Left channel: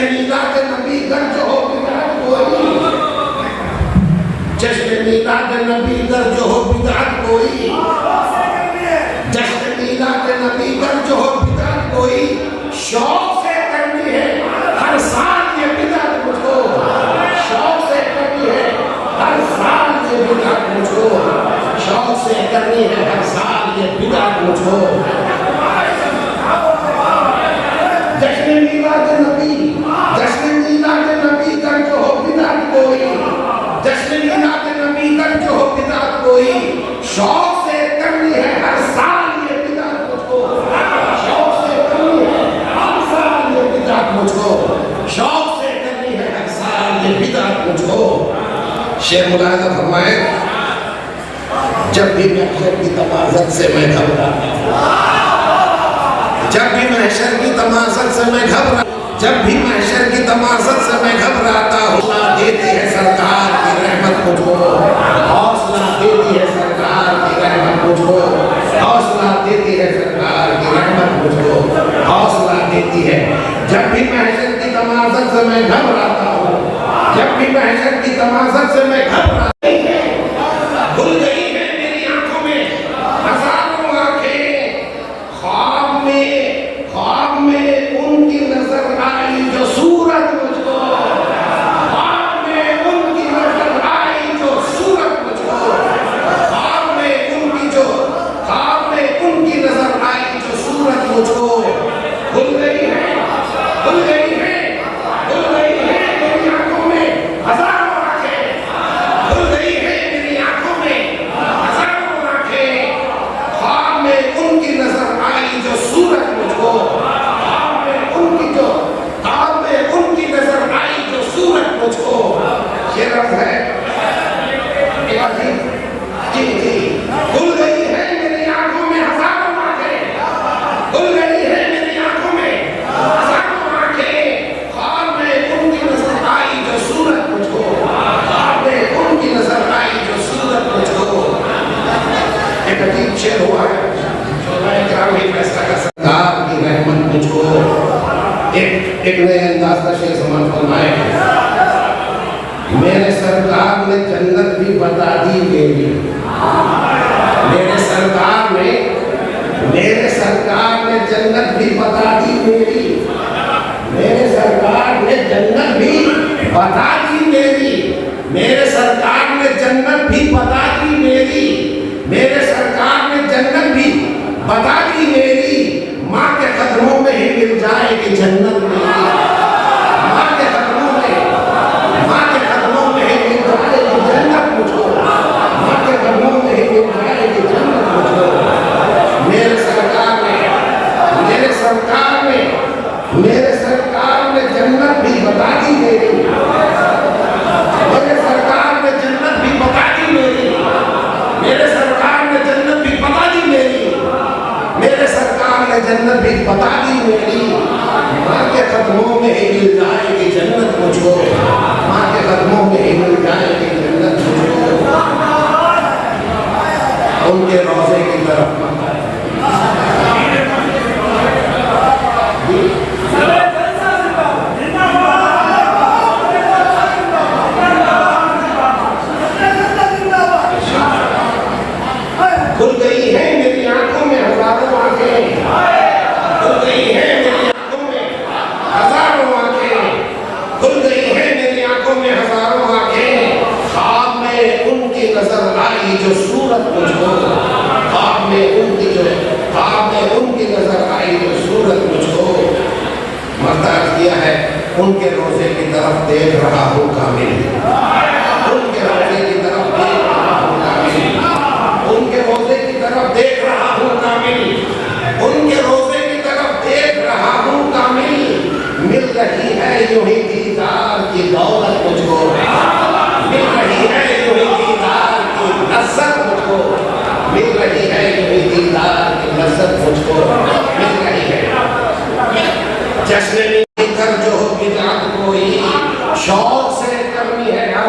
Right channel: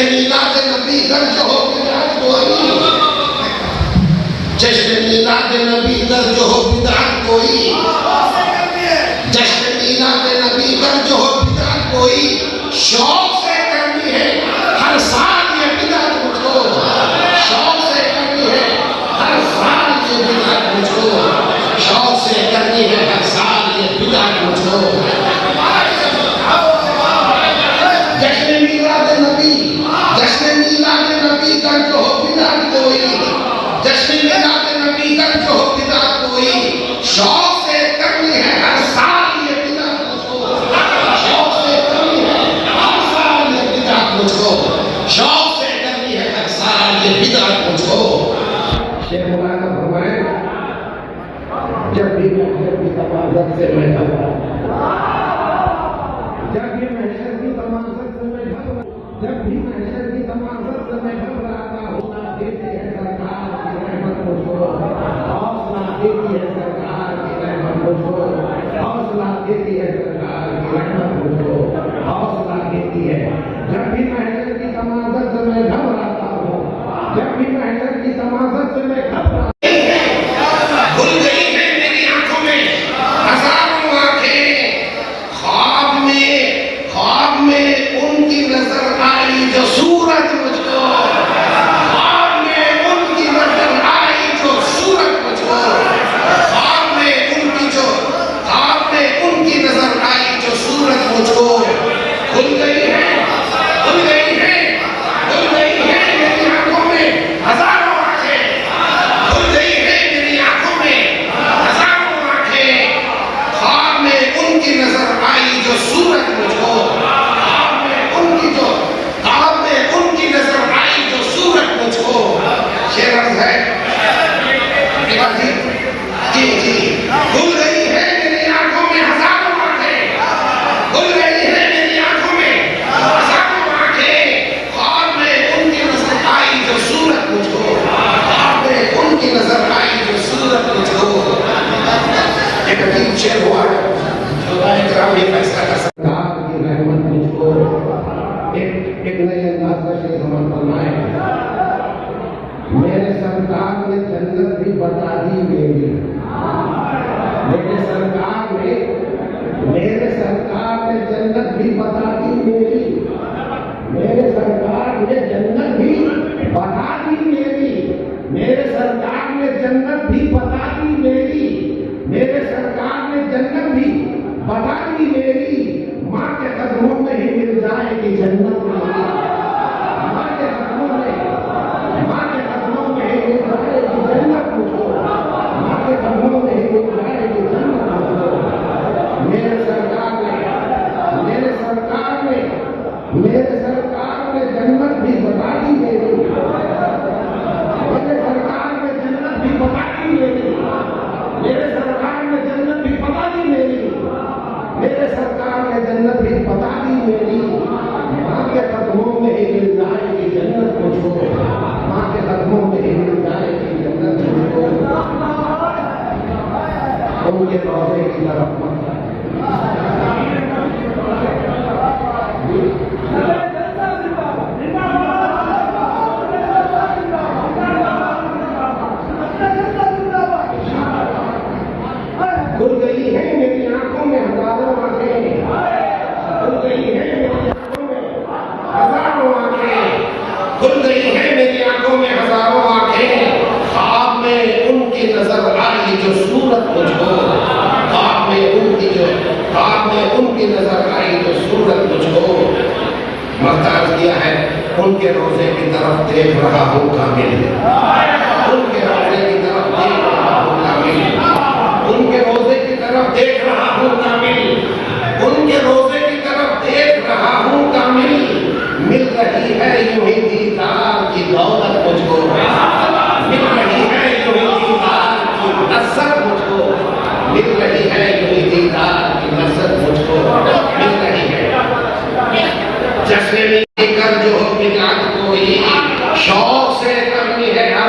जश्न मीलाद नबी दर्ज हो बिदअत कोई, जश्न मीलाद नबी दर्ज हो बिदअत कोई, जश्न मीलाद नबी दर्ज हो बिदअत कोई, शौक से करनी है हर साल ये बिदअत मुझको, शौक से करनी है हर साल ये बिदअत मुझको, शौक से करनी है हर साल ये बिदअत मुझको। जश्न मीलाद नबी दर्ज हो बिदअत कोई, जश्न मीलाद नबी दर्ज हो बिदअत कोई, शौक से करनी है हर साल ये बिदअत मुझको, शौक से करनी है हर साल ये बिदअत मुझको, शौक से करनी है हर साल ये बिदअत मुझको। शेर मुलाहिजा फरमाए, जब भी महशर की तमाज़त से मैं घबराता, जब भी महशर की तमाज़त से मैं घबरा, जब भी महशर की तमाज़त से मैं घबराता, हौसला देती है सरकार की रहमत मुझको, हौसला देती है सरकार की रहमत मुझको, हौसला देती है सरकार की रहमत मुझको, हौसला देती है। जब भी महशर की तमाज़त से मैं घबराता हूँ, जब भी महशर की तमाज़त से मैं घबराता, खुल गई है मेरी आंखों में हजारों आंखें, ख्वाब में उनकी नजर आई जो सूरत मुझको, ख्वाब में उनकी नजर आई जो सूरत मुझको, ख्वाब में उनकी नजर आई जो सूरत मुझको। खुल गई है मेरी आंखों में हजारों आंखें, खुल गई है मेरी आंखों में हजारों आंखें, ख्वाब में उनकी नजर आई जो सूरत मुझको, ख्वाब में उनकी नजर आई जो सूरत मुझको। शेर है जी जी, खुल गई है मेरी आंखों में हजारों आंखें, खुल गई है मेरी आंखों में हजारों आंखें, ख्वाब में उनकी नजर आई जो सूरत मुझको, ख्वाब में उनकी नजर आई जो सूरत मुझको। एक अजीब शेर हुआ है, फैसला का सरकार की रहमत मुझको। एक नए अंदाज का शेर समान फरमाए, मेरे सरकार ने जन्नत भी बता दी मेरी, मेरे सरकार ने जन्नत भी बता दी मेरी, मेरे सरकार ने जन्नत भी बता दी मेरी, मेरे सरकार ने जन्नत भी बता दी मेरी, मेरे सरकार ने जन्नत भी बता दी मेरी। माँ के कदमों में ही मिल जाएगी जन्नत मेरी, माँ के कदमों में ही मिल जाएगी जन्नत मुझको, माँ के कदमों में ही मिल जाएगी जन्नत मुझको। मेरे सरकार ने जन्नत भी बता दी मेरी, मेरे सरकार ने जन्नत भी बता दी मेरी, मेरे सरकार ने जन्नत भी बता दी मेरी, मेरे सरकार ने जन्नत भी बता दी मेरी। माँ के कदमों में ही मिल जाएगी जन्नत मुझको, माँ के कदमों में ही मिल जाएगी जन्नत मुझको। उनके रोज़े की तरफ खुल गई है मेरी आंखों में हजारों आंखें, खुल गई है मेरी आंखों में हजारों आंखें, खुल गई है मेरी आंखों में हजारों आंखें, ख्वाब में उनकी नजर आई जो सूरत मुझको, ख्वाब में उनकी नजर आई जो सूरत मुझको। मर्दाज किया है, उनके रोज़े की तरफ देख रहा हूँ कामिल, उनके रोज़े की तरफ देख रहा हूँ कामिल, उनके रोज़े की तरफ देख रहा हूँ कामिल, उनके रोज़े की तरफ देख रहा हूँ कामिल। मिल रही है यूं ही दीदार की दौलत मुझको, मिल रही है यूं ही दीदार की लज़्ज़त मुझको, मिल रही है यूं ही दीदार की लज़्ज़त मुझको, मिल रही है। जश्न में कर जो बिदअत कोई, शौक से करनी है हर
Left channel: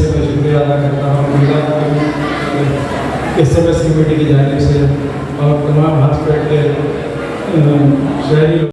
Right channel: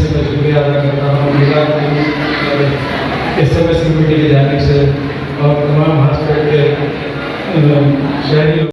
से मैं शुक्रिया अदा करता हूँ SMS कमेटी की जानिब से और तमाम हॉस्पिटल के शहरी